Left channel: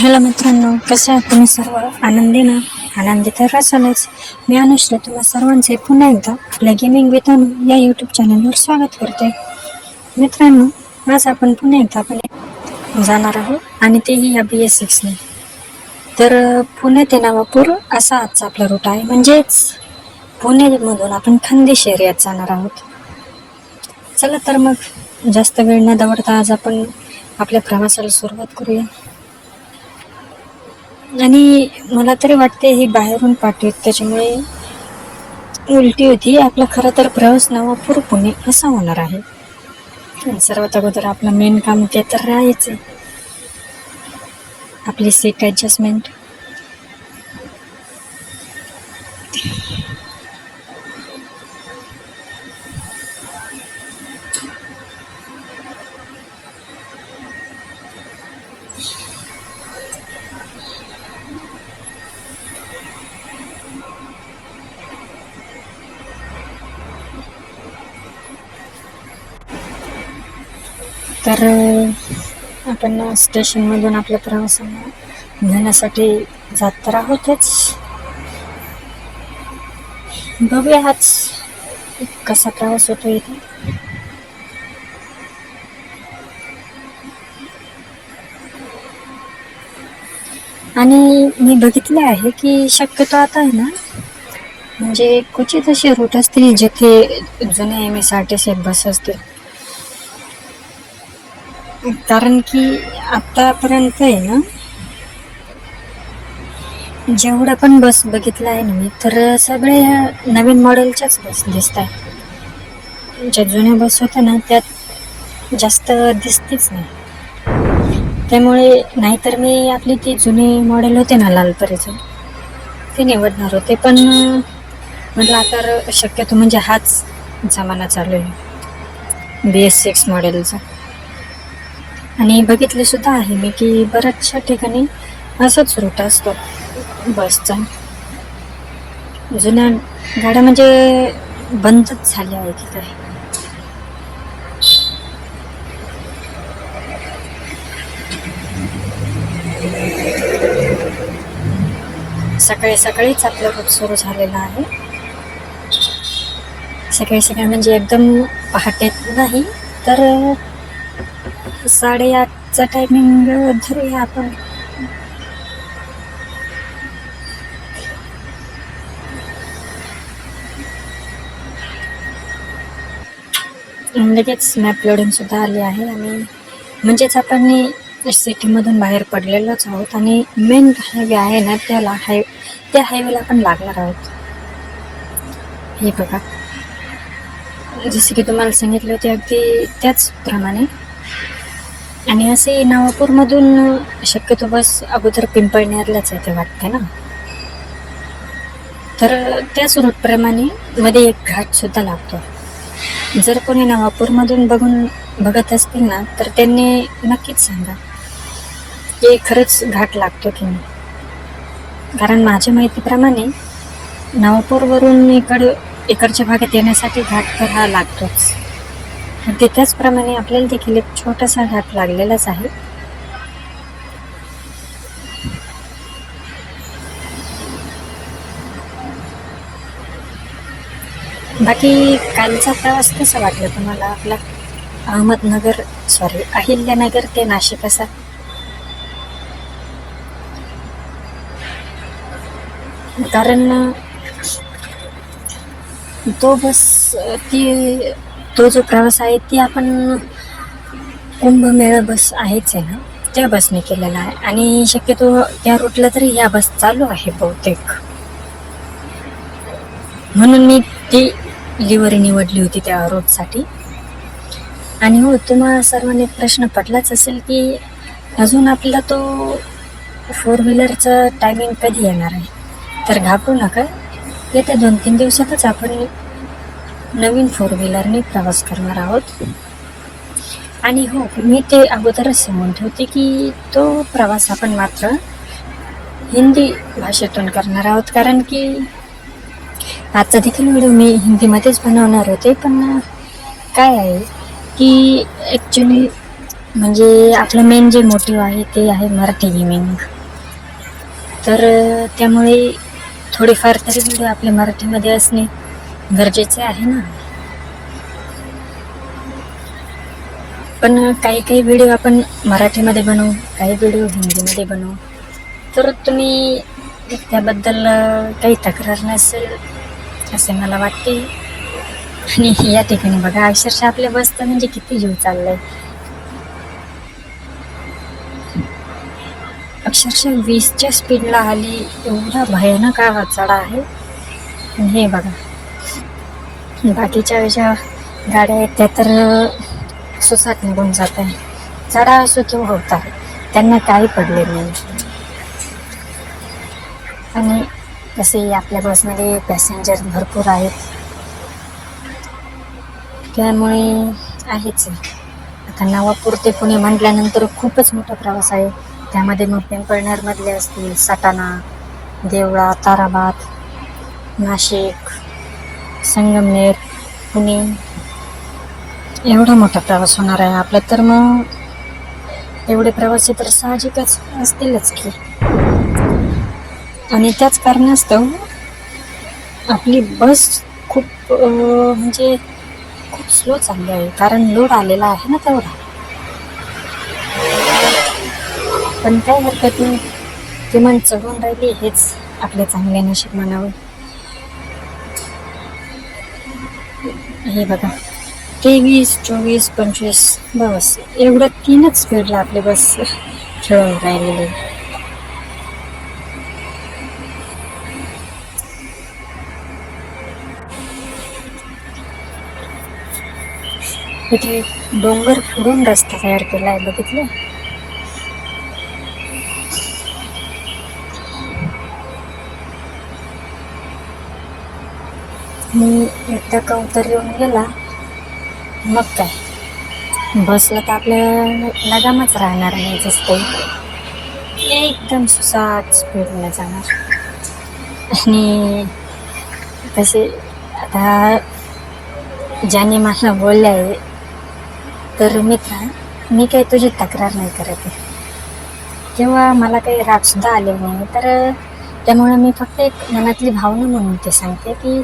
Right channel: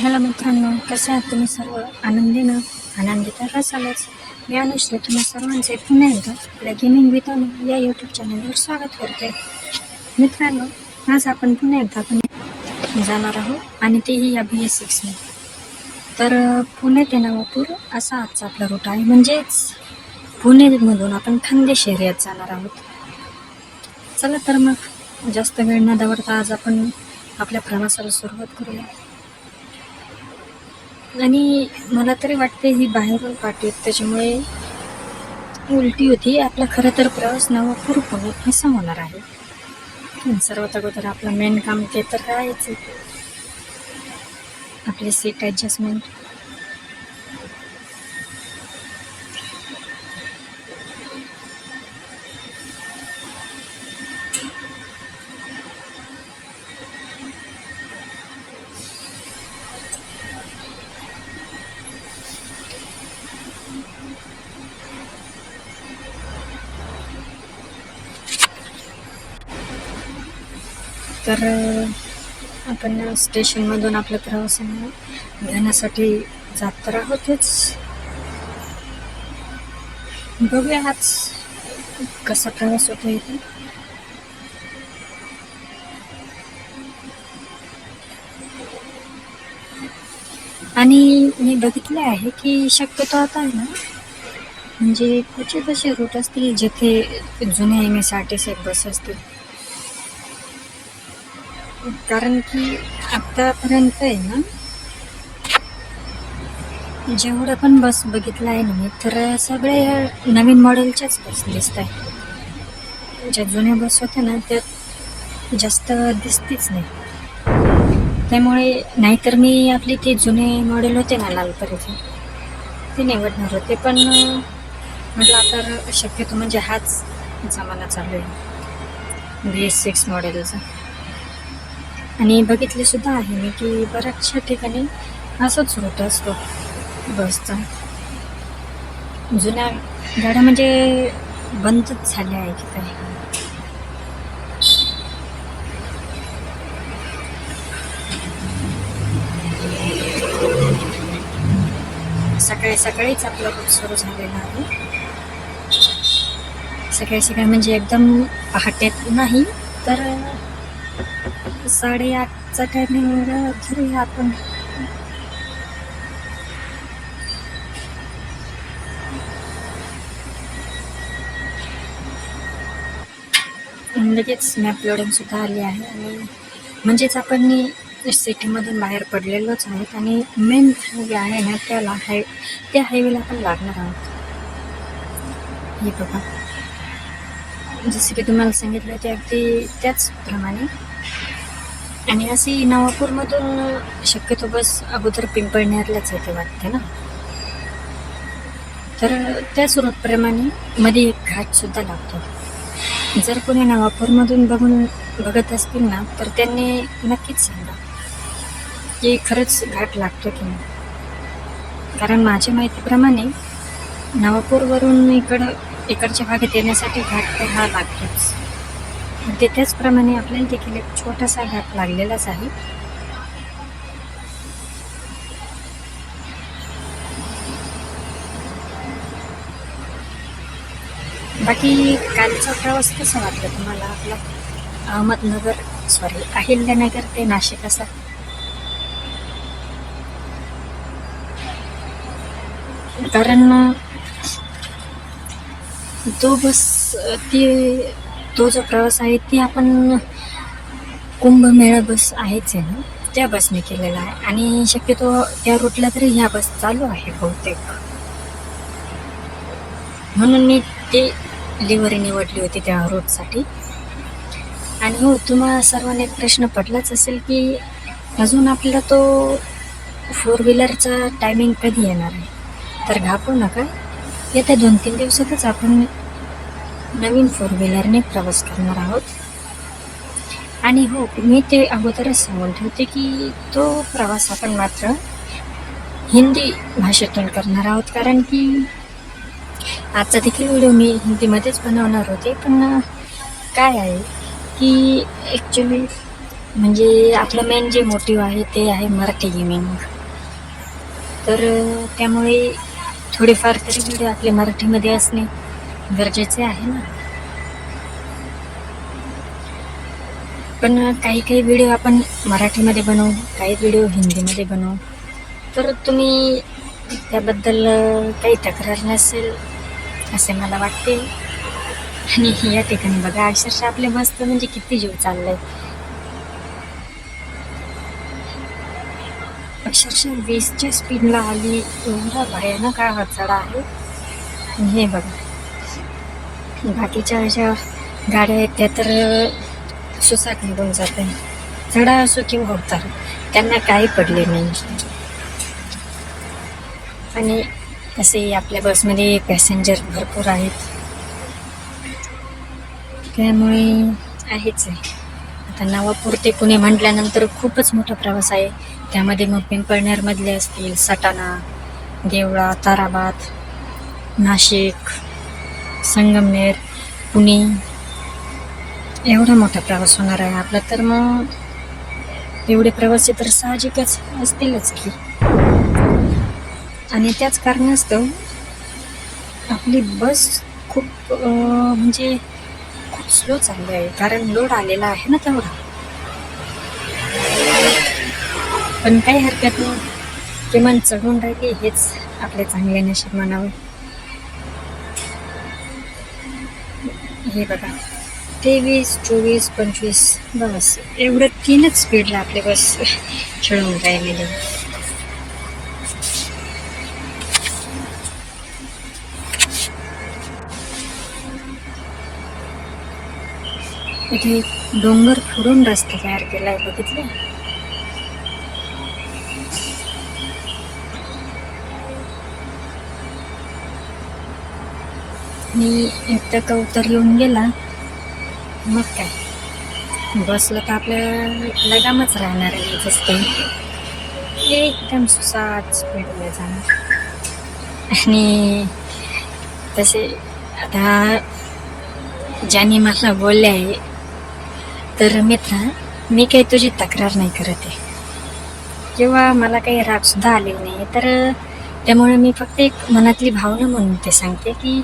Hello मित्रांनो, कसे आहात तुम्ही सर्व? आनंदी तर असालच. मी अनुश्री तुम्हा सर्वांचे पुन्हा एकदा आपल्या गेमिंग विथ अनु या यूट्यूब चॅनलवर स्वागत करते. मित्रांनो, आज आपण पुन्हा एकदा जाणार आहोत आणि तेही या BS6ने. तर पुणे ते नवापूर असा आजचा आपला रूट आहे. म्हणजेच पुणेमधून आपण खानदेश एरियात जाणार आहोत. चला तर मग जास्त वेळ न दवडता आज आपण आपल्या प्रवासाला सुरुवात करूया. आणि मला तरी वाटते ही बाहेरून पाठवत त्याच्यामुळे उलटी होती. आपला खरं तर प्रवास नवापूर पुणे असा होणार आहे. सर्वात अगोदर आपलं मेन काम ते तर राहायचं, आपली सीट ॲडजस्टमेंट. तर आपण स्टेशनमधून आपल्या प्रवासाला घेण्यासाठी जात तर आहोतच. बघूया हाच कसा प्रवास होतो इथे. आणि मी बघितले आहे की शक्यतो आता आहे ना, म्हणजे क्वचित असे रूट असतील जिथे जुने MSRTC बस असतील. कारण की आतापर्यंत आहे ना, जेवढं पण बस बघितलं आहे ना मी, तर सगळे नवीन मॉडेलच्याच बस दिसत आहे. ज्या जुन्या बस होत्या ना त्यात जास्त दिसतीच नाही. त्यामुळे नाहीतर मी आपली ती जुने मॉडेल होते ना लालपरीचे, ते निवडणार होते. पण म्हटलं आता शक्यतो म्हणजे हाच जमाना चालू आहे BS6 मॉडेलचा. आणि बघितले सुद्धा आहे मी की बऱ्याचशा ठिकाणी असाच रूट असतो बसचा. जुन्या गाड्या म्हणजे बंदच झाल्या आहे की काय. सकाळी सकाळीच आपला रूट सुरू झालेला आहे. सकाळी म्हणजे एकदम पहाटेत नाही, तर 8:30चा टायमिंग धरूया आपण. लगेच मॅप लोडिंग सुद्धा आली आहे. आणि म्हणजेच आपण सिटीमधून बाहेर पडलेलोच आहोत आणि मेन हायवे आहे ना त्या हायवेला आपण लागणार आहोत. हे बघा, जसे की तुम्हाला सांगितले होते अगदी त्याचप्रमाणे. आणि असे नवापूरमधून शक्यतो बस अगोदर पिंपळनेरलाच येते वाटते ना, तर त्याच रूटप्रमाणे मध्ये एक घाट सुद्धा लागतो. जर कोणी नवापूरमधून बघत असतील ना, तर त्यांनी नक्कीच सांगा की खरंच घाट लागतो की नाही. कारण माझ्या माहितीप्रमाणे नवापूरवरून इकडच्या भागात येण्यासाठी घाट तर हा लागतोच. ते त्याचप्रमाणे आपल्याला देखील एक छोटासा घाट लागलेलाच आहे. बाकी कालचा प्रवास कसा वाटला तुम्हाला? आपला अहिल्यानगर ते नाशिक असा. कारण तो जो प्रवास आहे ती आपण कुंभमेळा बस आहेच आहे ना, त्या बसने केलेला आहे. आणि शक्यतो त्या रूटला तरी ह्या बस चालू आहे बहुतेक, म्हणून मी ती लिव्हरी निवडली होती त्या रूटसाठी. आणि हो, तुम्हाला सर्वांना एक प्रश्न पडलाच असेल की अजून आपला तो 4 व्हीलरचा टायमिंग कधी येणार आहे. तर घाबरू नका, येत्या 2-3 दिवसातच आपण नवीन 4 व्हीलरने प्रवास करणार आहोत. आणि हो, मी ते अगोदरच सांगून ठेवते की तो प्रवास आपण मात्र हिंदी भाषेतून करणार आहोत. कारण की आजचा देखील व्हिडिओ मी हिंदीमध्येच बनवणार होते, पण काय आहे की ॲक्च्युली म्हणजे आपलं मेन जे मोटिव्ह आहे ते आहे मराठी गेमिंग. तर त्यामुळे थोडेफार तरी व्हिडिओ आपले मराठीमध्ये असणे गरजेचे आहे ना. पण काही काही व्हिडिओ आपण मराठीमध्ये बनवू, काही व्हिडिओ हिंदीमध्ये बनवू. तर तुम्ही त्याबद्दल काही तक्रार नसेल असे मला वाटते. आणि या ठिकाणी बघा अक्षरशः आपल्या बसचं म्हणजे किती जीव चाललाय. अक्षरशः 20च्या स्पीडला आली. एवढा भयानक हा चढा आहे. हे बघा बाकीच्या ज्या गाड्या आहेत त्या तर सुसाट निघून जात आहे. चढा असो किंवा उतार त्यांना काही पडले नाही. आणि तसे आपल्या बसमध्ये पॅसेंजर भरपूर आहेत त्यामुळे आहेच आहे. आता नवापूर ते पुणे म्हटल्यानंतर खूपच मोठा प्रवास आहे. त्यामध्ये मग पिंपळनेरमधले असतील सटाणा, देवळा, ताराबाद, नाशिक, संगमनेर, पुणे एवढा मोठा प्रवास होणार आहे आपला. तर मग एवढे प्रवासी तर साहजिकच असतीलच की. आणि त्याच कारणास्तव आपली बस खूप म्हणजे खूप स्लो चालू आहे, कारण लोड आलेला आहे ना तेवढा. पण काही हरकत नाही, किमान चढून राहिली हेच आपले चांगले नशीब म्हणावे. हे बघा 23, 24, 25 बस एवढं 3च स्पीडला आपली बस खेळून राहिलेली. इथे डोंगर फोडून रस्ता तयार केला आहे बघितलं. मी एकदा का उतर येऊन गेला मग काय बसला तर आपल्याला लगामच राहणार नाही. जसं एकदम सुसाट स्पीडने जाणार. आणि तसे आता ज्याने मला बोलले आहे तर मित्रा मी काही तुझी तक्रार नाही करत आहे किंवा मला काही रागसुद्धा आलेला नाही. तर त्यामुळे मी फक्त एक मनातली भावना म्हणून ते सांगते की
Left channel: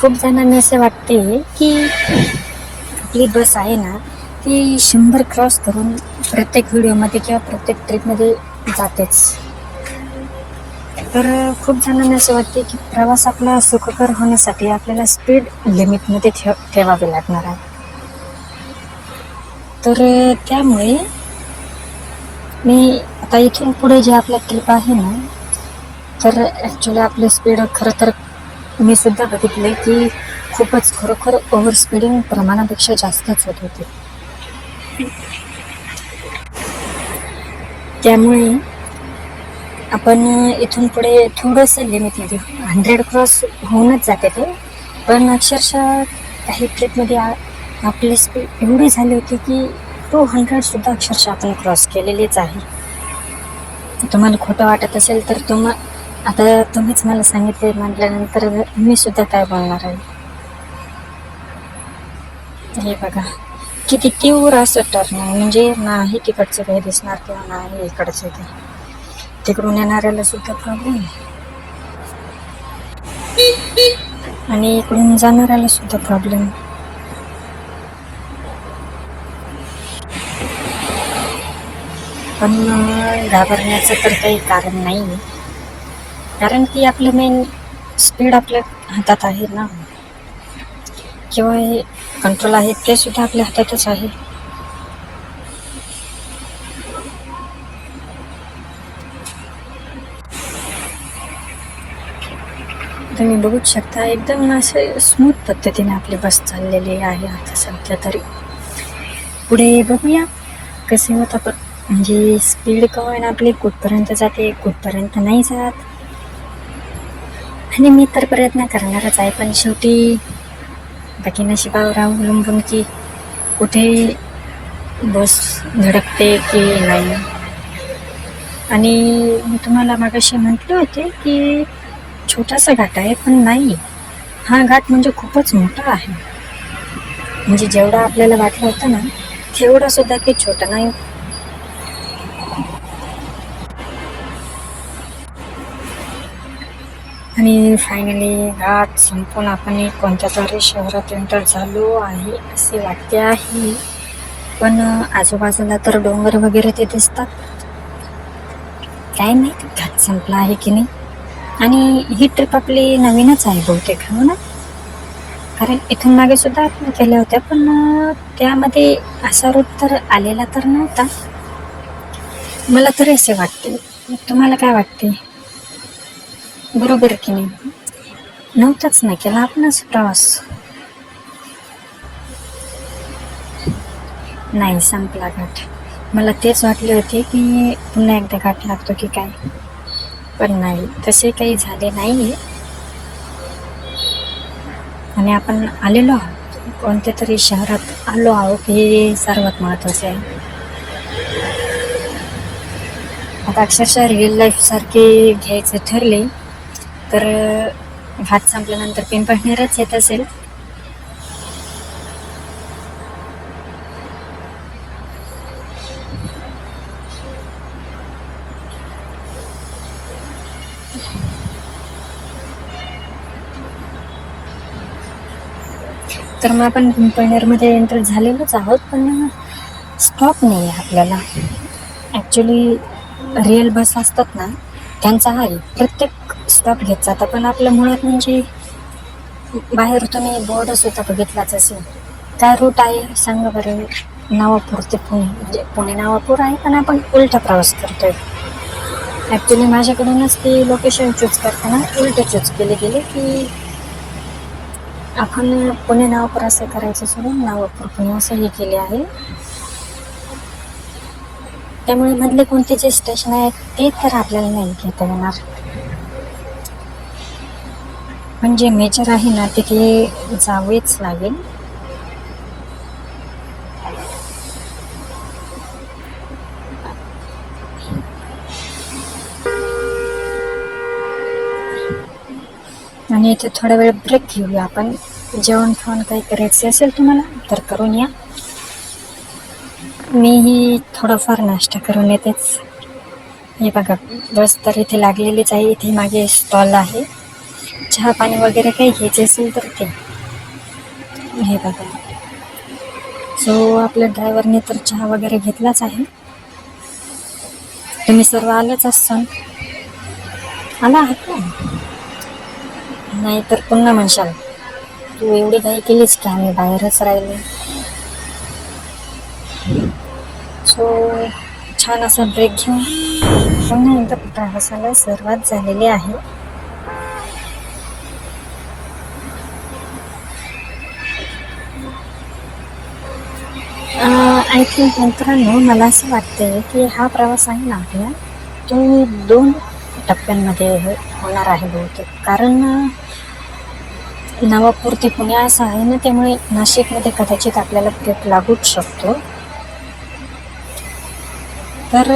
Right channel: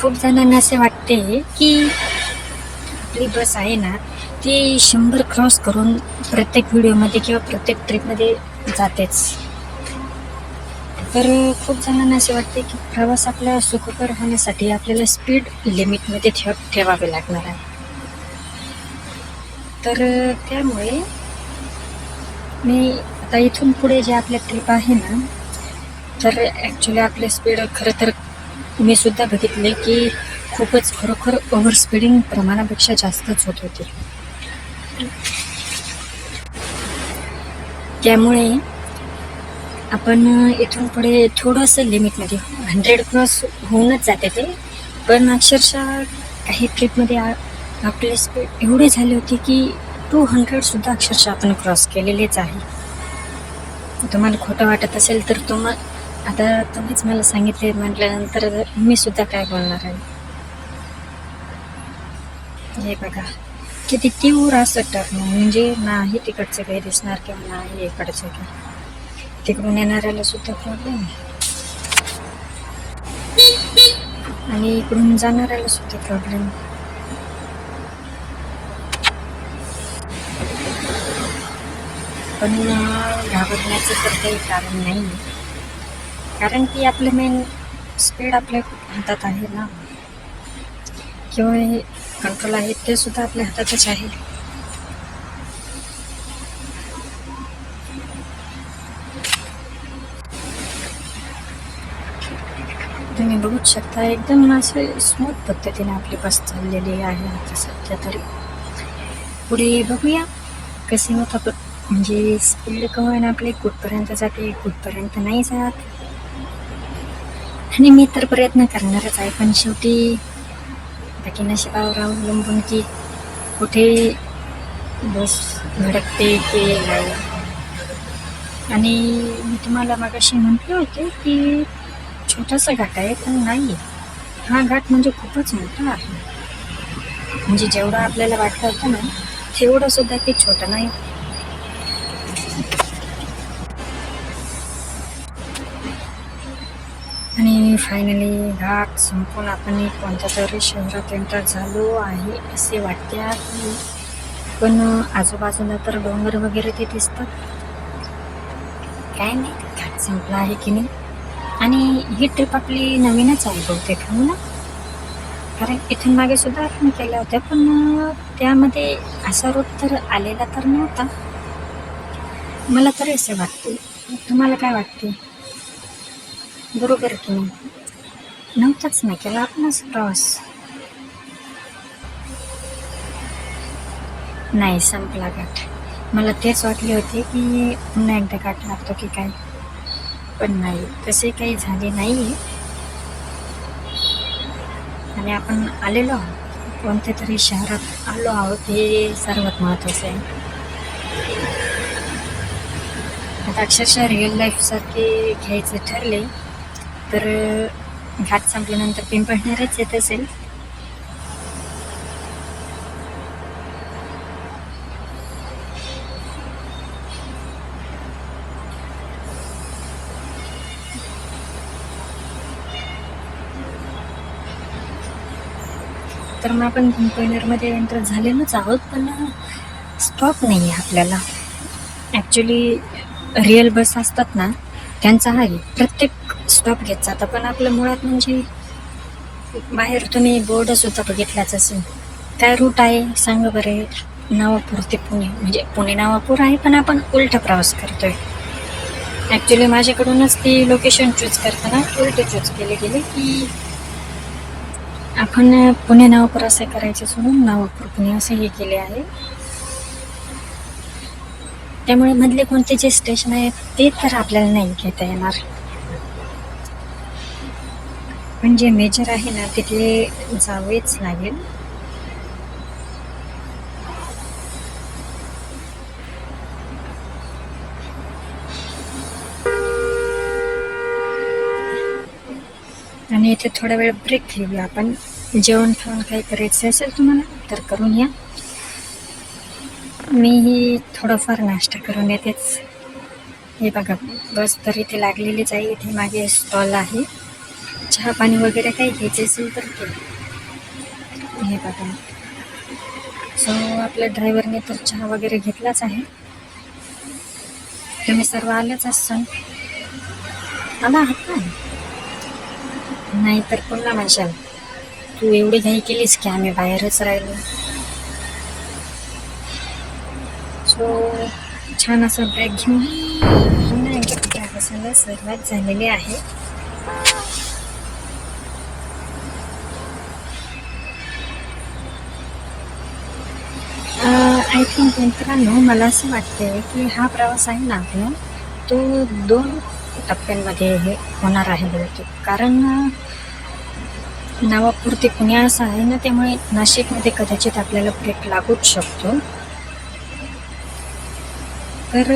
खूप जणांना असे वाटते की आपली बस आहे ना ती 100 क्रॉस करून प्रत्येक व्हिडिओमध्ये किंवा प्रत्येक ट्रिपमध्ये जातेच. तर खूप जणांना असे वाटते की प्रवास आपला सुखकर होण्यासाठी आपल्याला स्पीड लिमिटमध्ये ठेवावे लागणार आहे. तर त्यामुळे मी आता इथून पुढे जे आपल्या ट्रिप आहे ना तर ॲक्च्युली आपले स्पीड खरं तर मी सुद्धा बघितले की खूपच खरोखर ओव्हर स्पीडिंग प्रमाणापेक्षा जास्तच होत होते. त्यामुळे आपण इथून पुढे थोडंसं लिमिटमध्ये 100 क्रॉस होऊनच जाते ते. पण अक्षरशः काही ट्रिपमध्ये आपली स्पीड एवढे झाले होते की 200सुद्धा अक्षरशः आपण क्रॉस केलेलेच आहे. तुम्हाला खोटं वाटत असेल तर आता तुम्हीच मला सांगितले म्हटल्यानंतर मी सुद्धा काय बोलणार आहे. हे बघा किती तीव्र असं टर्न म्हणजे नाही तिकडचं काही दिसणार किंवा नाही इकडचं काही. तिकडून येणाऱ्याला सुद्धा प्रॉब्लेम आणि इकडून जाणाऱ्याला सुद्धा प्रॉब्लेम. पण घाबरण्याचं तर काही कारण नाही, कारण की आपलं मेन स्पीड आपल्या हातात आहे ना किंवा कंट्रोल आहे ते सुद्धा आपल्या हातातच आहे. तुम्ही बघूच शकता एकदम असं स्मूथ पद्धतीने आपली बस चाललेली आहे आता सध्या तरी. पुढे बघूया कसे होतं. पण म्हणजे स्पीड कमी आपली कुठपर्यंत जाते कुठपर्यंत नाही जात. आणि मी तर प्रयत्न करणारच आहे, पण शेवटी बाकी नशिबावर अवलंबून की कुठे बस धडकते की नाही. आणि मी तुम्हाला मागाशी म्हटले होते की छोटासा घाट आहे, पण नाही हा घाट म्हणजे खूपच मोठा आहे. म्हणजे जेवढा आपल्याला वाटलं होतं ना तेवढं सुद्धा काही छोटं नाही. आणि फायनली घाट संपून आपण कोणत्या तरी शहरात एंटर झालो आहे असे वाटते आहे. पण आजूबाजूला तर डोंगर वगैरे ते दिसतात. काय माहिती घाट संपला आहे की नाही. आणि ही ट्रिप आपली नवीनच आहे बहुतेक, हो ना? कारण इथून मागे सुद्धा आपण केल्या होत्या, पण त्यामध्ये असा रूट तर आलेला तर नव्हता. मला तरी असे वाटते. तुम्हाला काय वाटते? बरोबर की नाही? नव्हताच ना केला आपणच प्रवास. नाही, संपला घाट. मला तेच वाटले होते की पुन्हा एकदा घाट लागतो की काय, पण नाही, तसे काही झाले नाही. आणि आपण आलेलो आहोत, कोणत्या तरी शहरात आलो आहोत, हे सर्वात महत्त्वाचं आहे. आता अक्षरशः रिअल लाईफ सारखे घ्यायचे ठरले तर घाट संपल्यानंतर पिंपळनेरच येत असेल. तर मग आपण पिंपळनेरमध्ये एंटर झालेलोच आहोत, पण स्टॉप नाही आहे आपल्याला. ॲक्च्युली रिअल बस असतात ना, त्यांचा आहे प्रत्येक स्टॉप घेत जातात. पण आपलं मुळात म्हणजे बाहेर तुम्ही बोर्डसुद्धा बघितलाच असेल. काय रूट आहे सांगा बरे? नवापूर ते पुणे, म्हणजे पुणे नवापूर आहे, पण आपण उलटा प्रवास करतोय. ॲक्च्युली माझ्याकडूनच ते लोकेशन चूज करताना उलट चूज केले गेले की आपण पुणे नवापूर असे करायचे सोडून नवापूर पुणे असे हे केले आहे. त्यामुळे मधले कोणते जे स्टेशन आहेत ते तर आपल्याला नाही घेता येणार, पण जे मेजर आहे ना तिथे जावेच लागेल. आणि इथे थोडा वेळ ब्रेक घेऊया आपण. जेवण खाऊन काही करायचे असेल तुम्हाला तर करून या. मीही थोडंफार नाश्ता करून येतेच. हे बघा, बस तर इथे लागलेलीच आहे. इथे मागे स्टॉल आहे, चहा पाणी वगैरे काही घ्यायचे असेल तर ते. हे बघा, सो आपल्या ड्रायव्हरने तर चहा वगैरे घेतलाच आहे. तुम्ही सर्व आलेच असाल, आला आहात ना? नाही तर पुन्हा म्हणशाल तू एवढी घाई केलीस की आम्ही बाहेरच राहिलो. सो छान असा ब्रेक घेऊन पुन्हा एकदा प्रवासाला सुरुवात झालेली आहे. आय थिंक मित्रांनो, मला असं वाटते की हा प्रवास आहे ना आपला, तो 2 टप्प्यांमध्ये होणार आहे बहुतेक. कारण नवापूर ते पुणे असं आहे ना, त्यामुळे नाशिकमध्ये कदाचित आपल्याला ब्रेक लागूच शकतो. तर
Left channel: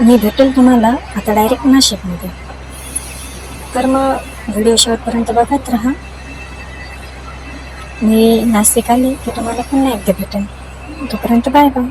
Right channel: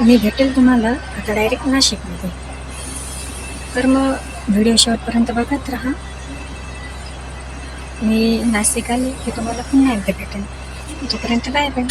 मी भेटेल तुम्हाला आता डायरेक्ट नाशिकमध्ये. तर मग व्हिडिओ शेवटपर्यंत बघत राहा. मी नाशिक आले की तुम्हाला पुन्हा एकदा भेटेन. तोपर्यंत बाय बाय.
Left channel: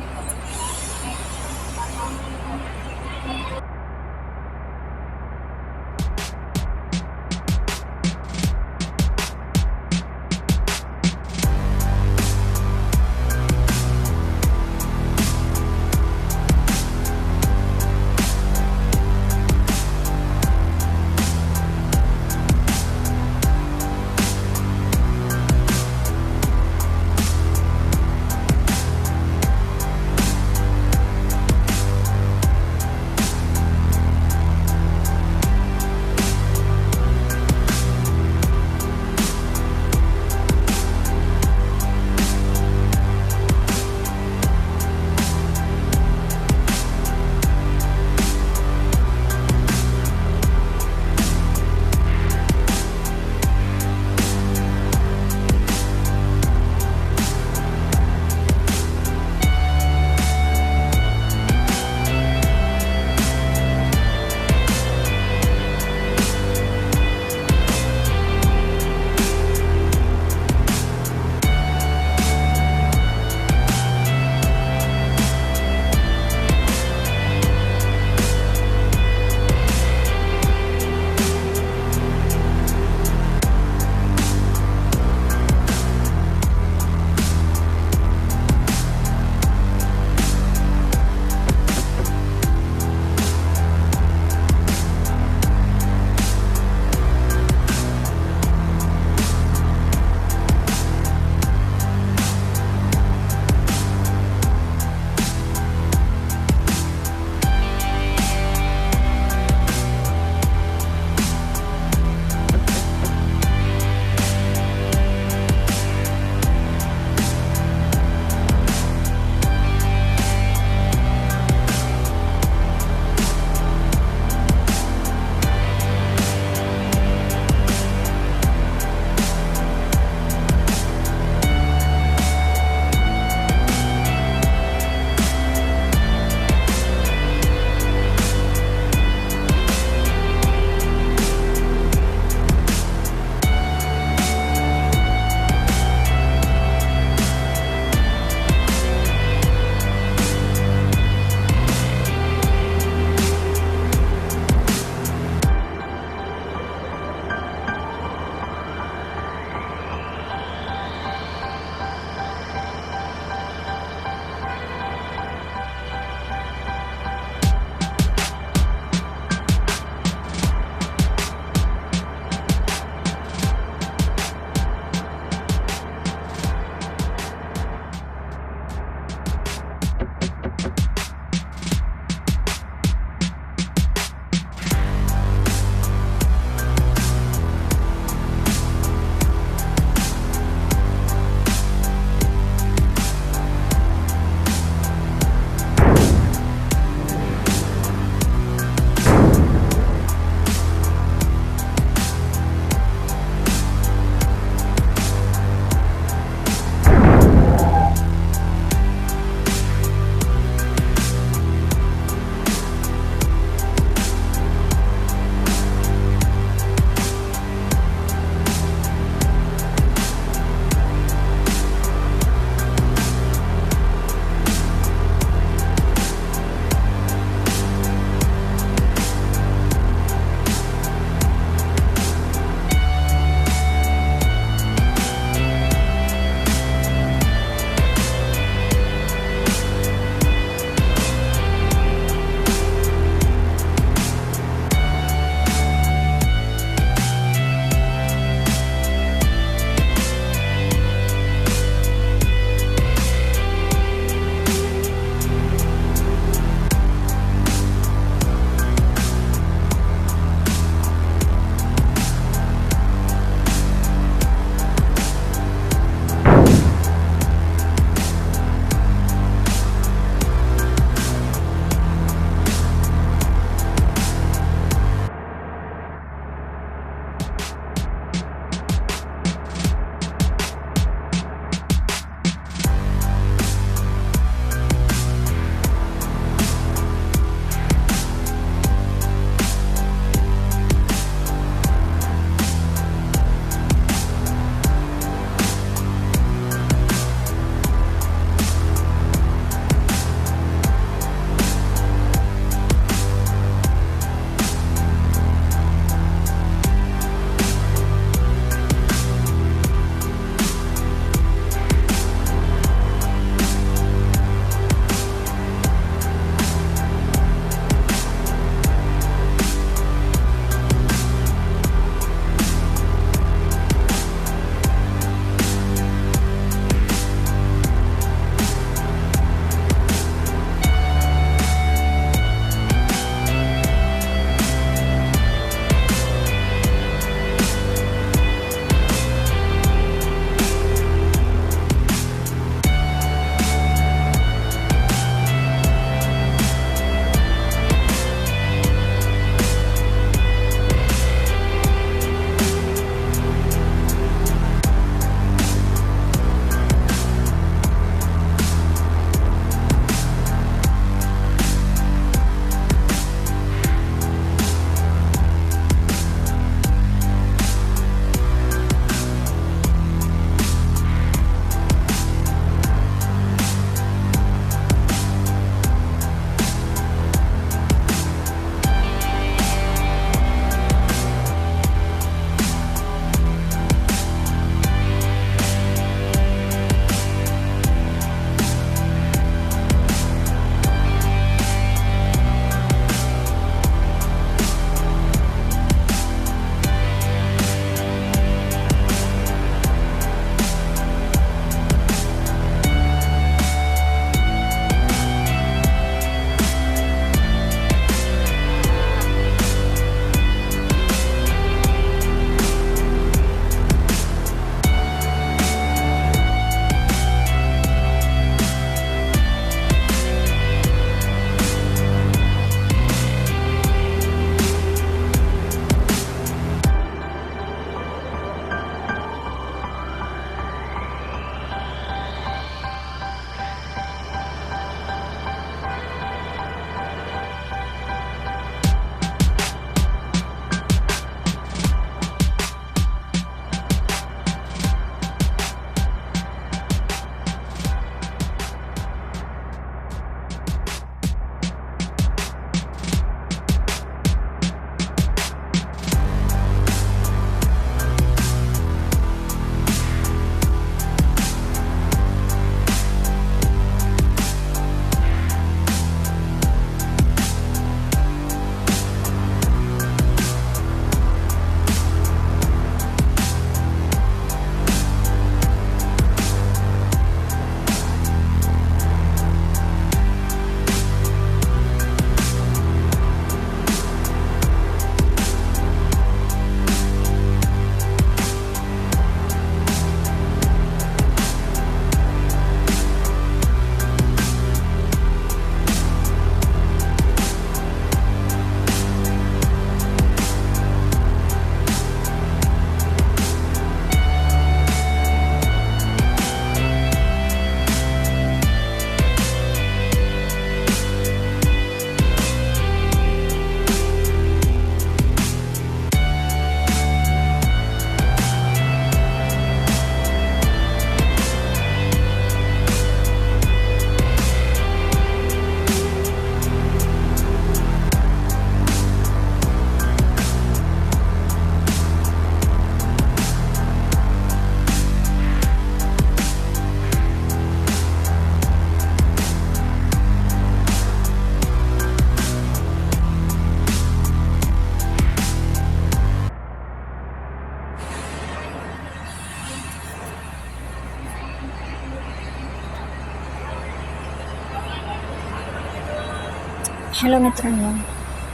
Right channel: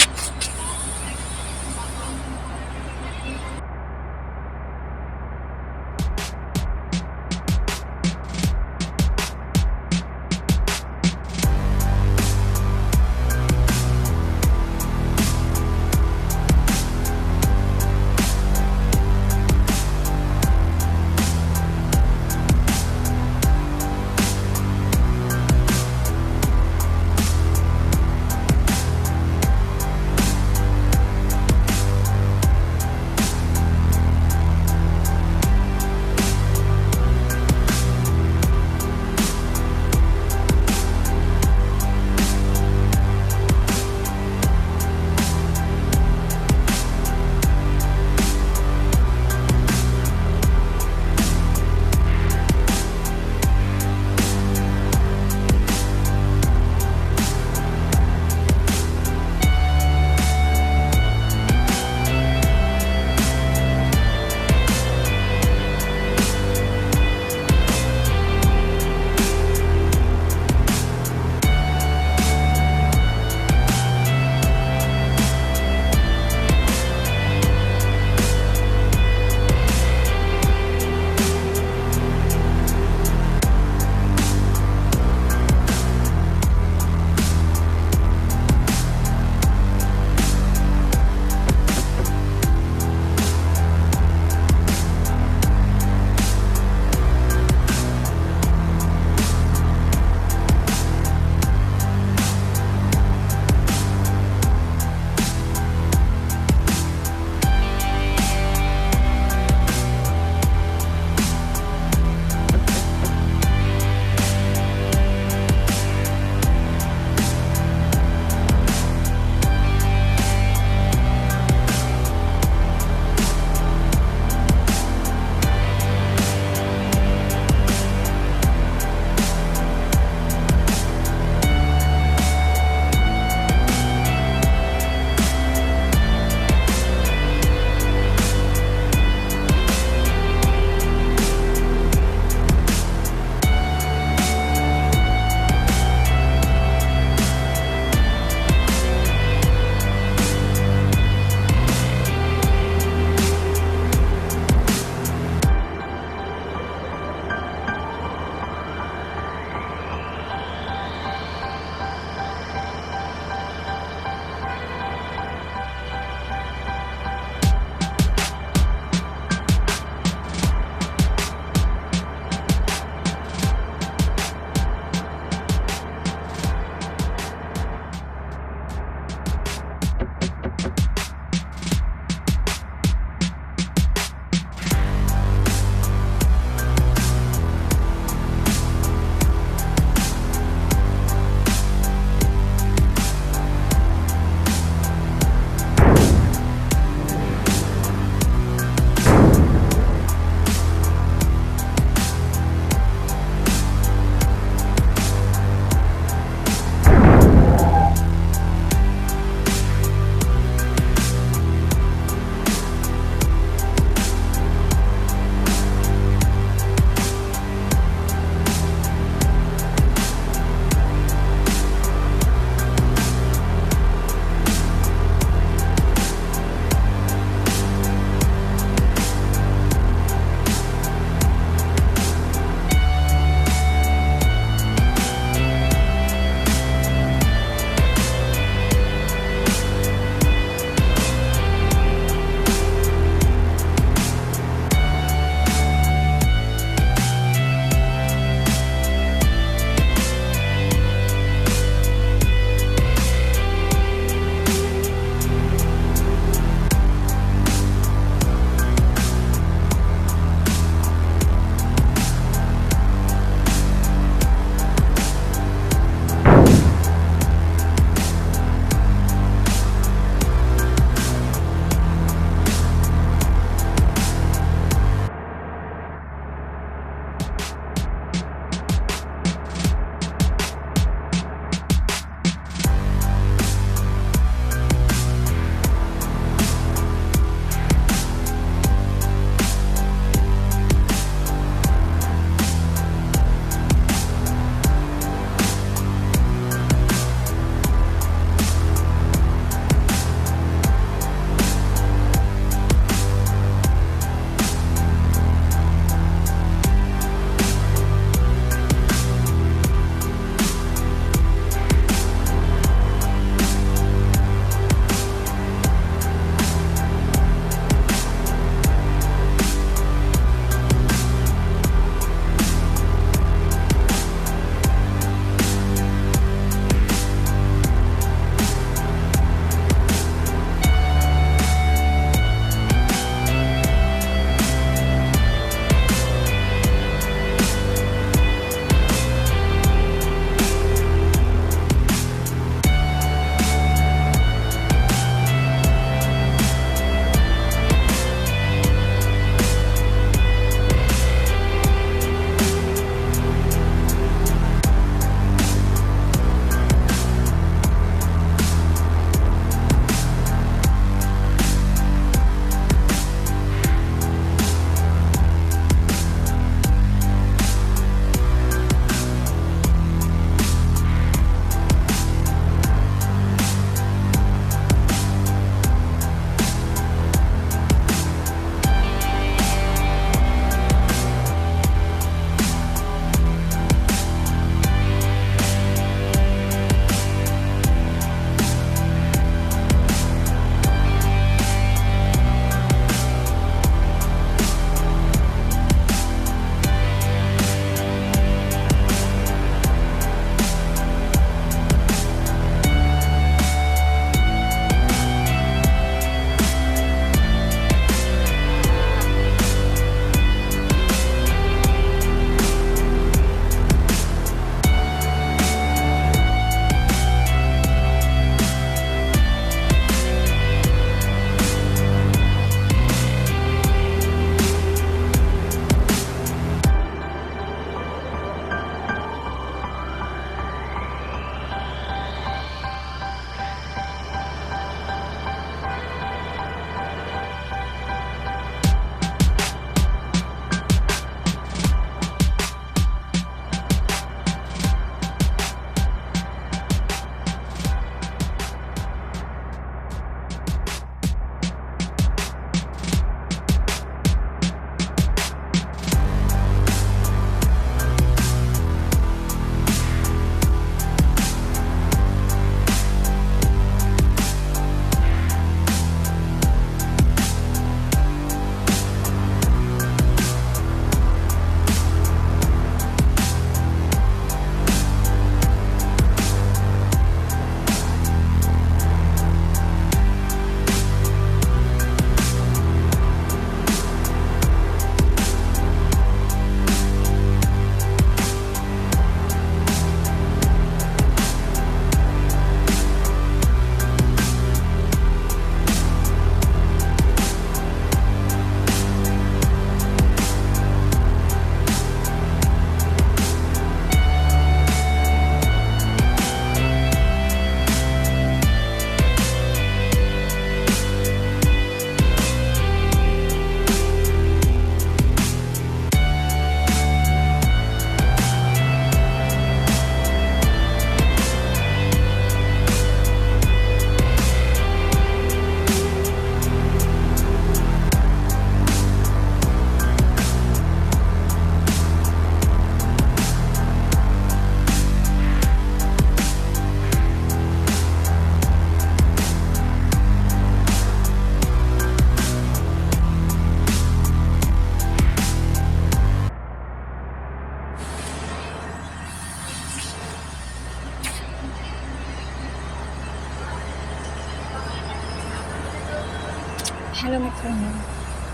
हॅलो मित्रांनो,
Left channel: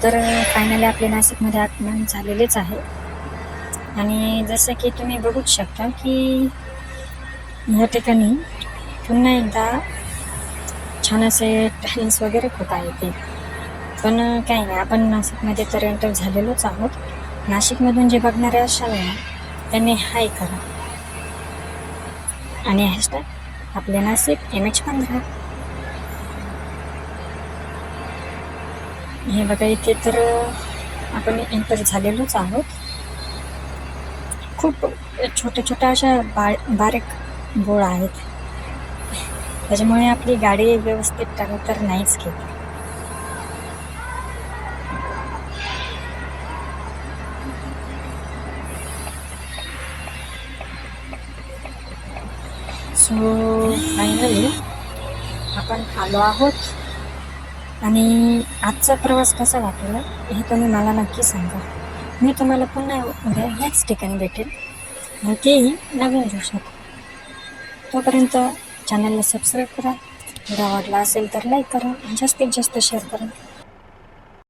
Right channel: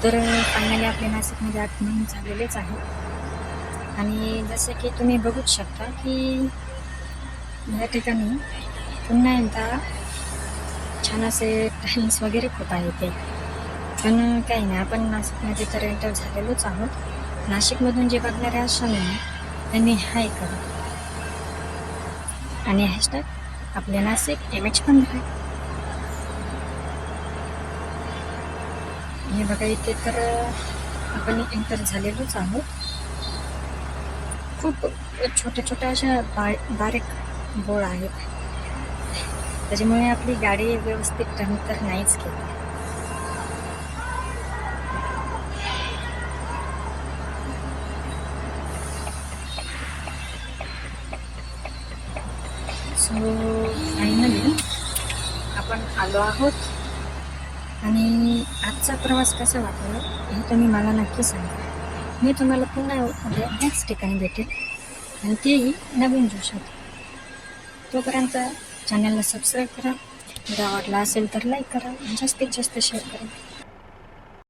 तर फायनली आपल्या नाशिकमध्ये आगमन झालेलेच आहे आणि जसं की तुम्ही बघूच शकता की या ठिकाणी पुन्हा एकदा छान असे टाईल्स वगैरे खूप आहे ते. पण काही नाही, आपण नाशिकमध्ये तर एंटर झालेलोच आहोत. नाशिकमधून जे बघणारे असाल ना त्यांनी हाय करा आणि हॅशटॅग आपल्या नाशिक MH15. हे बघा, इथे तर आपण एंटर झालेलोच आहोत. खूप छोट्या छोट्या अशा बारीक बोळ आहेत, त्याच्यामुळे आपली गाडी व्यवस्थित टर्न तर नाहीच घेत. सो फायनली आपण आलो आहोत आणि आजचा प्रवास कसा वाटला हे तुम्ही मला नक्की सांगा. मी तुम्हाला पुन्हा उद्या ह्याच ठिकाणी भेटेल आणि तेही नवीन दिवसात. तोपर्यंत चॅनलला सबस्क्राईब करा, व्हिडिओ आवडला असेल तर लाईक करा, जास्तीत जास्त शेअर करा.